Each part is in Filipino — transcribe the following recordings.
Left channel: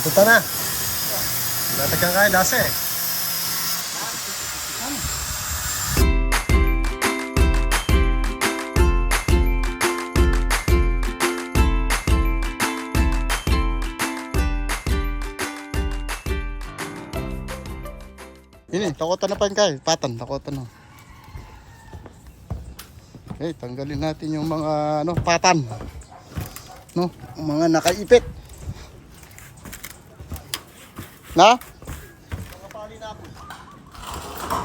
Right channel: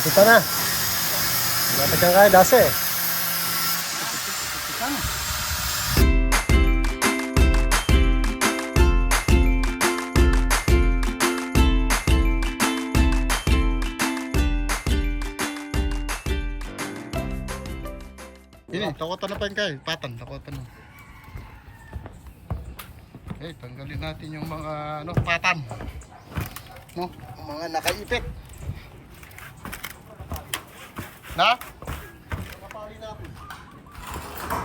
Ito na. Natagang kaya dase. Ini, takotan na pa yung kay. Patan, takotan na. Okay, tanggalin natin yung mga ano, patan. No, mga nakaipit. Na?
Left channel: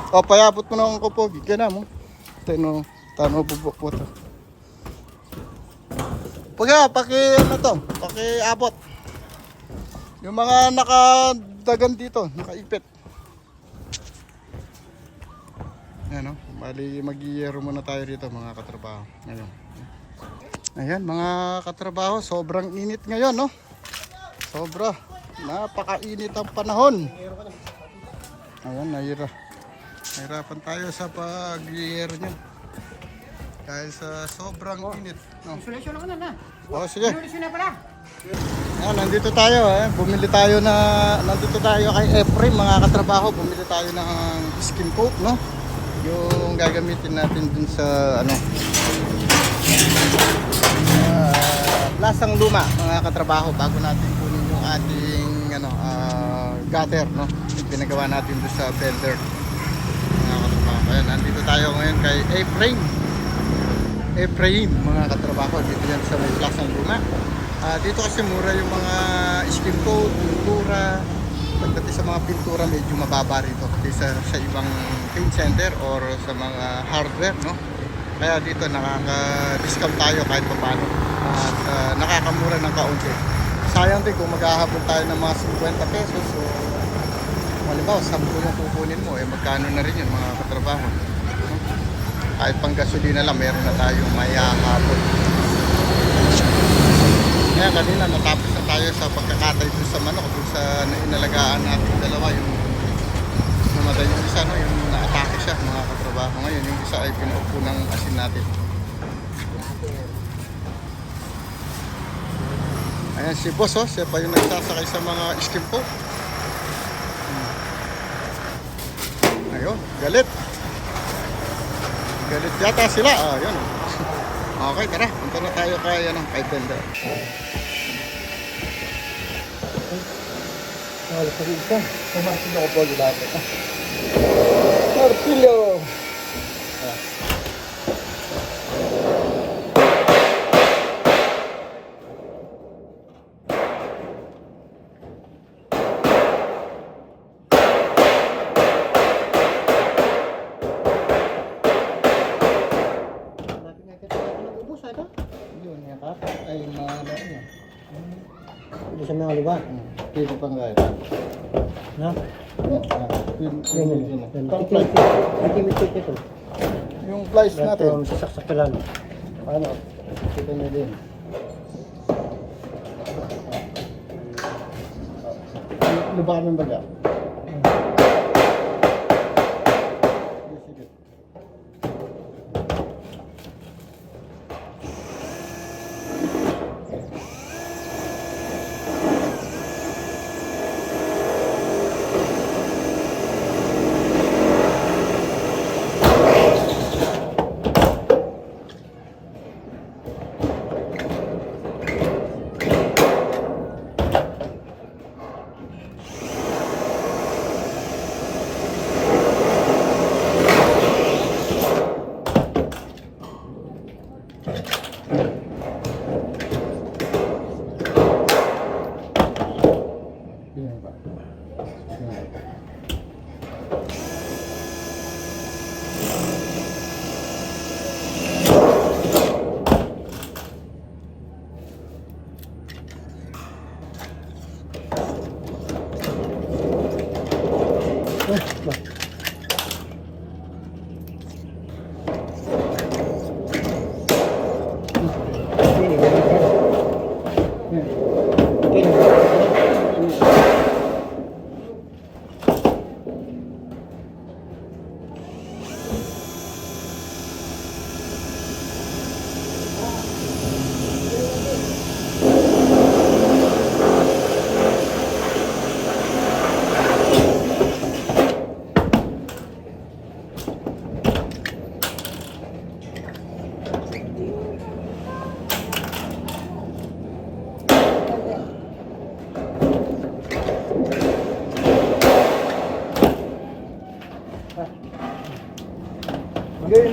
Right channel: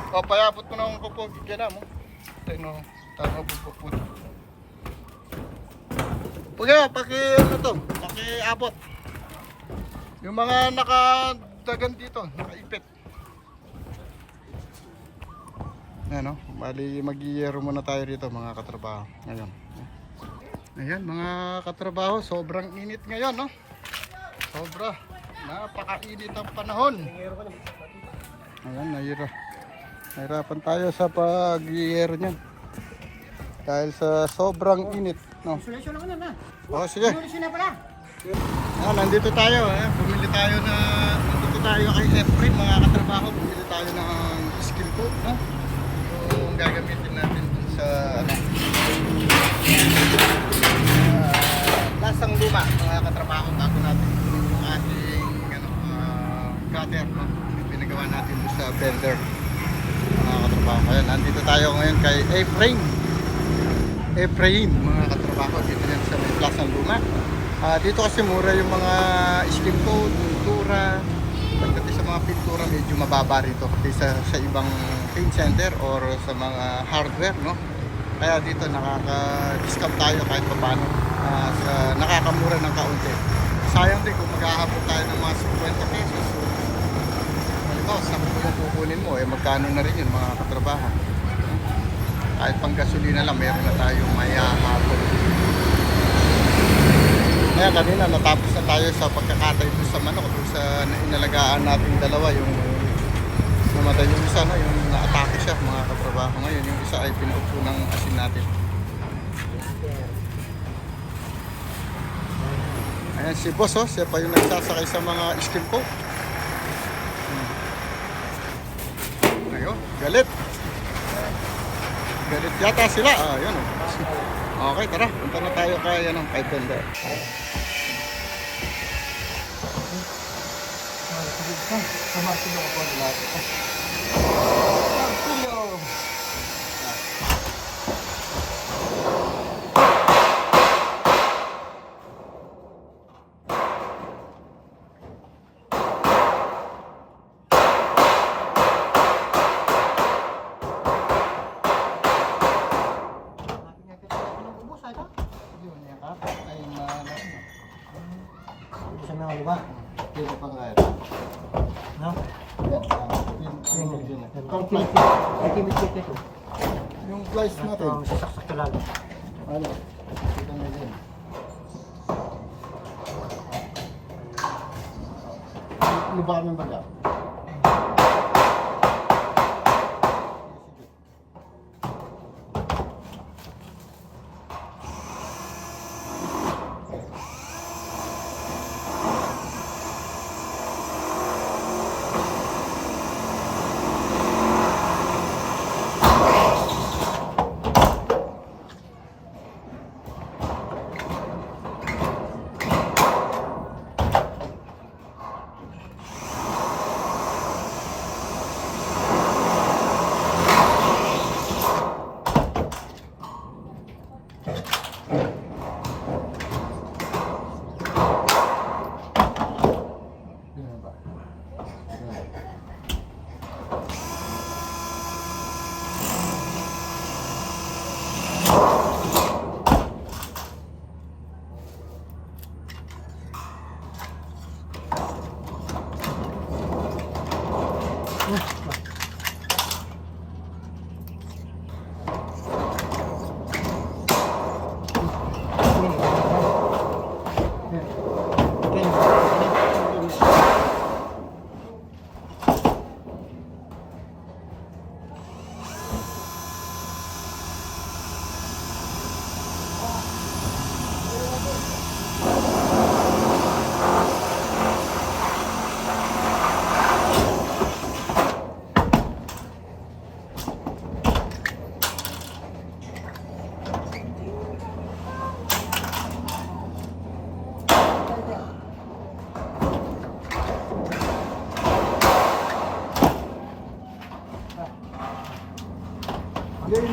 O, payabot mo ng kupo. Gigyan na mo. Tino, tano po po po. Pag nga, paki ano to, paki abot. Yung mga nakadagan dito, nakaipit. Ayan o, bali mag-iero muna tayo rito mga katrabaho ngayon. Ayan mga katrabaho, sobrang init ngayon no. Sobra, napakainit ang panahon. Ayan, nahira. Nahirapan tayo sa pag-iero niyan. Dahil sa sobrang init. No? Isolation ako na na. O sige, Isolation na pala. Ayan, nandito tayo eh. Bumili tayo na nandito tayo kay Efrem mga katrabaho. Bumili tayo ng skin coat, no? Yung gagamitin natin dun sa ano. ah, lasang luma mga katrabaho bago natin kunin yung ating ano ah, gutter, no? Pinagawa natin dun sa bender mga katrabaho. Kaya nandito tayo ngayon kay Efrem. Efraim mga katrabaho dito yan sa may Plaza Luma. Ah, dito kasi mura yung mga skin coat, pintura. Pagdating sa mga pintura medyo mababa rito kaysa sa ibang paint center or sa mga hardware, no? Kaya dito nakaka-discount tayo kahit paano. At ah, nakakamura ng kaunti. Sayang din kung maghahabol tayo ng mga 50 pesos o halimbawa 10 yung kukunin mo, eh magkano na rin yun mga katrabaho. No? Kahit pang gasolina lang, meron na tayong mayahabol. Kaya kanina natapos na tayo sa pagkakatay doon sa manok, doon sa inalagaan nating dalawa, yung namatay yung isa, no? yung naatake siya mga katrabaho. Ngayon, yung isa ay pinaupo ng asin natin. Ayan si boss, oh, siya pa yung nagsasakay sa mga skim ko. Hmm. Ayun, galit. Galit yata sila. Ah, yun oh. Okay, tara. Punta na tayo kay ano, kay Bender. Wala sa isa. Sa Martillo ko po lahat. Martilyo. Natin nga kita ng ubos ito. Kapit ay malain yun. Hindi sa mga lugar. Pwede pang gaya. No? Yan, ah, Yan, yan. yan. Flight. Itimit-timit ito. Yung flies natin. Ito, sasaksak ka lalo. Ano? Ito na din. Lubakan mo yung baga.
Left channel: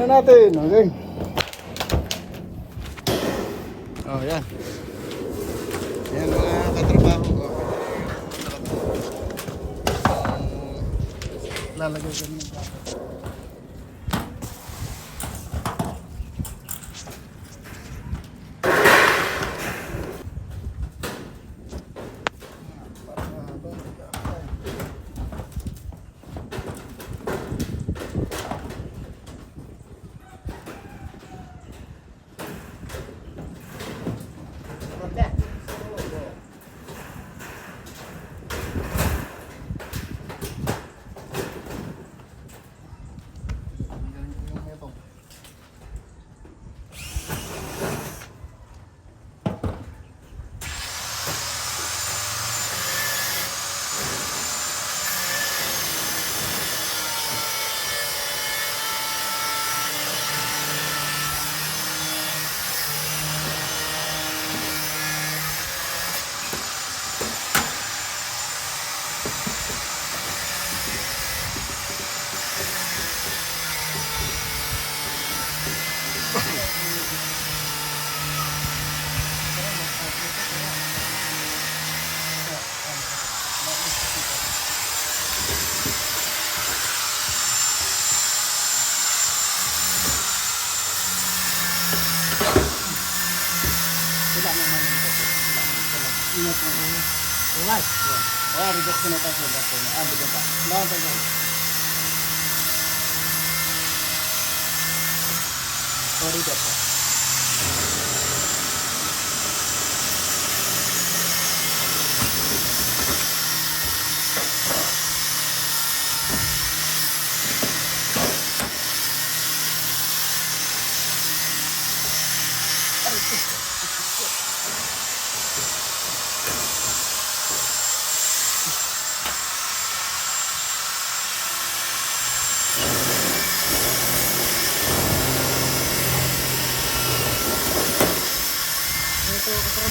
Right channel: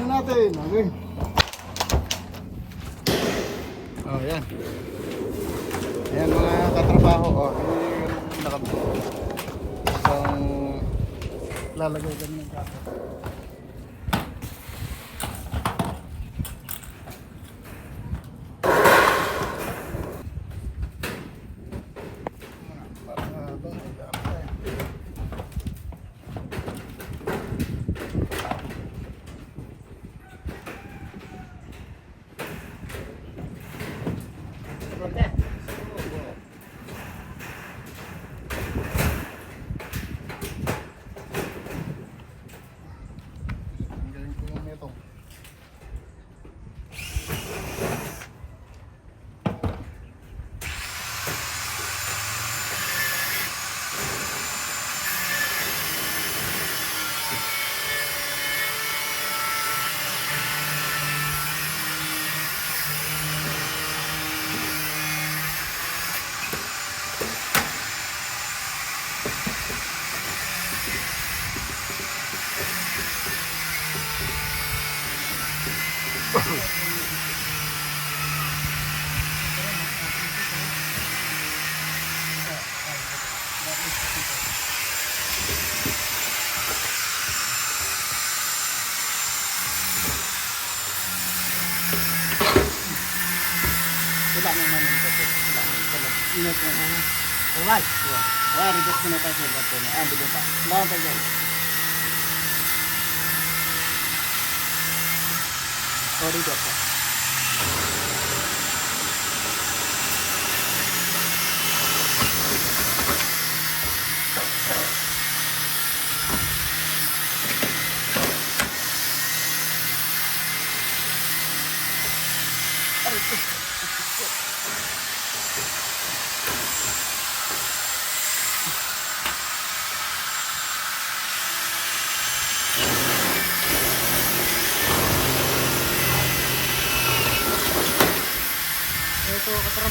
Natin. Okay. Oh, yan. Yan mga katrabaho. Oh, nakap. Ang lalagay kami ng kape. Para bago kape. Ang galing ko yung metong. Wala naman yung kapit. Wala naman ito lang. Ingat mo na. Alright. Wala, reduce ko na tayo sa bato na. Ah, bilo pa. Lawan tayo guys. Sorry, Dota. Ito,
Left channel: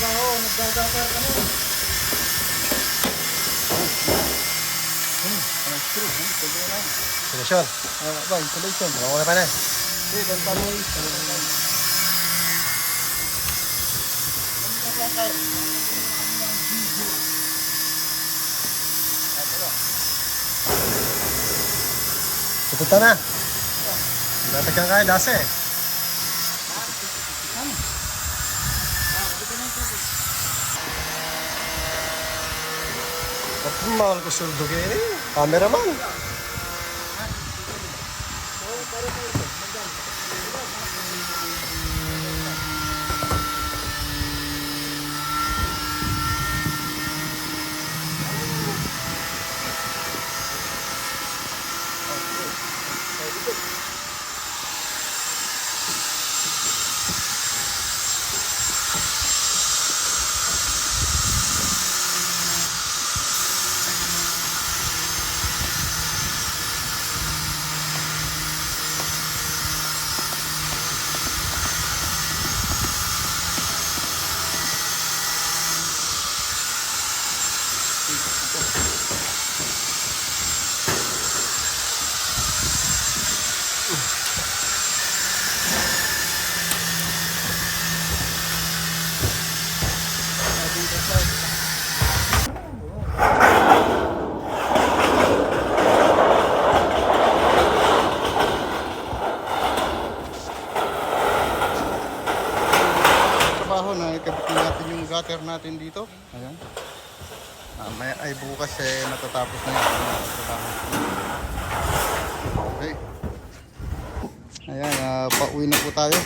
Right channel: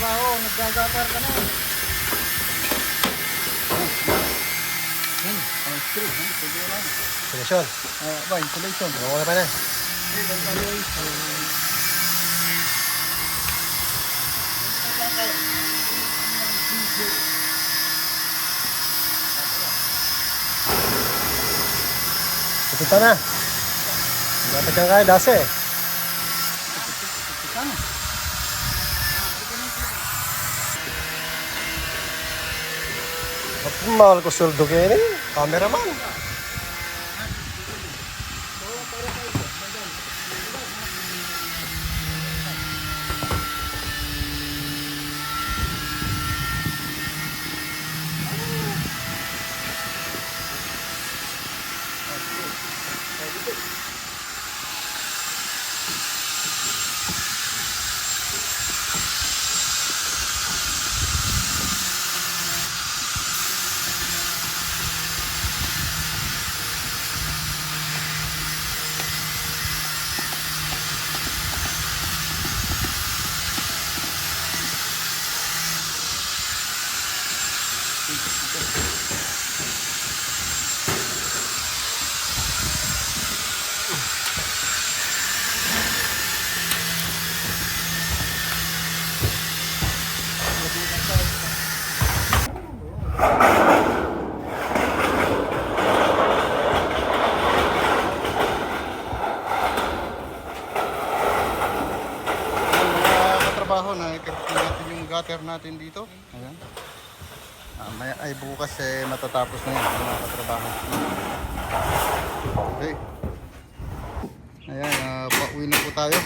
katrabaho, naggagatar ka na. Oh, screw, ha? Pwede na lang. Solusyon. Ah, ba, installation. Ako na pa na. Oh, ganda mo yun. Ito na. Natagang kaya dase. Mahal ko sweldo kayo eh. Cameraman. Mga katrabaho na ikabit yung gutter natin dito. Ayan. Ah, may, ay bukas eh matatapos na yun mga katrabaho. Okay. Ayan, ah, pauwi na po tayo.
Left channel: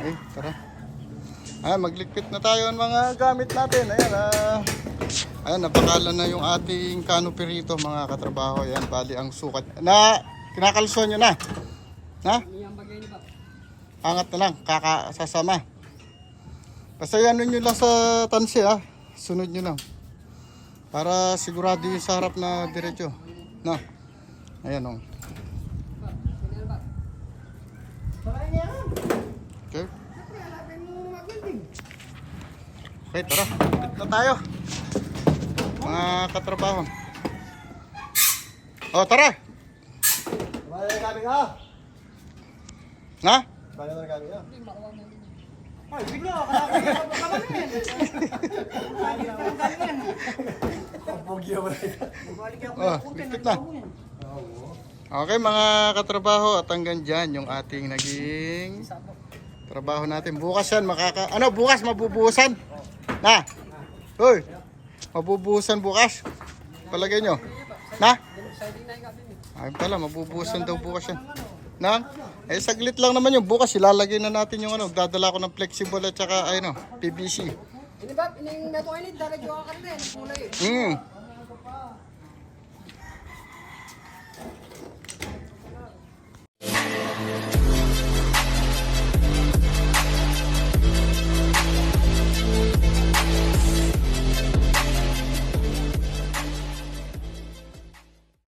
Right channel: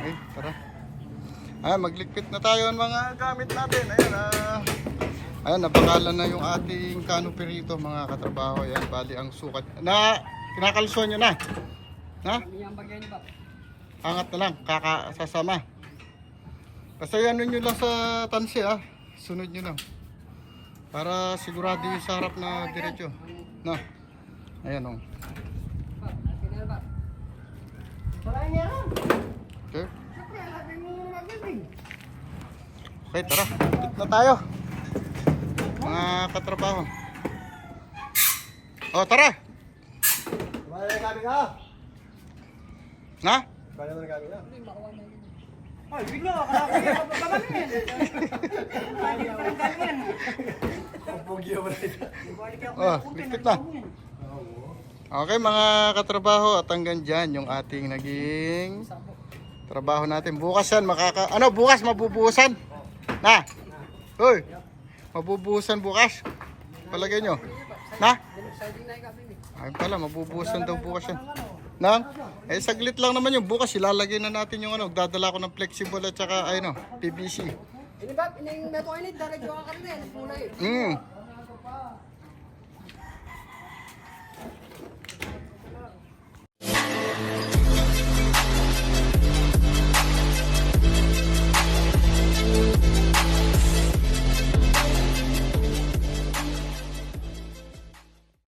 Okay, tara. Ayan, magligpit na tayo ng mga gamit natin. Ayan, ah. Ayan, nabakalan na yung ating canopy rito mga katrabaho. Ayan, bali ang sukat. Na, kinakalsuan nyo na. Na? Angat na lang, kakasasama. Basta ano nyo lang sa tansi ah. Sunod nyo lang. Para sigurado yung sa harap na diretso. No? Ayan o. Okay. Okay, tara. Bit na tayo. Mga katrabaho. O, tara. Bayan na kami ka. Na? Bayan na kami ka. Ay, bigla. Kalaki ka pa naman yan. Kalaki pa ng ganyan. Ang pogi mo na Balik ako Oh, bigpit na. Okay mga katrabaho at hanggang dyan yung ating naging trabaho natin. Bukas yan makaka... Ano bukas mabubuhusan? Na? Hoy! Mabubuhusan bukas. Palagay nyo. Na? Ay pala, mabubuhusan daw bukas yan. Nang? Eh saglit lang naman yung bukas ilalagay na natin yung ano, dadala ko ng flexible at saka ayun PVC. Ini ba ining meto ini darajo ka rin yan, kulay. Mm.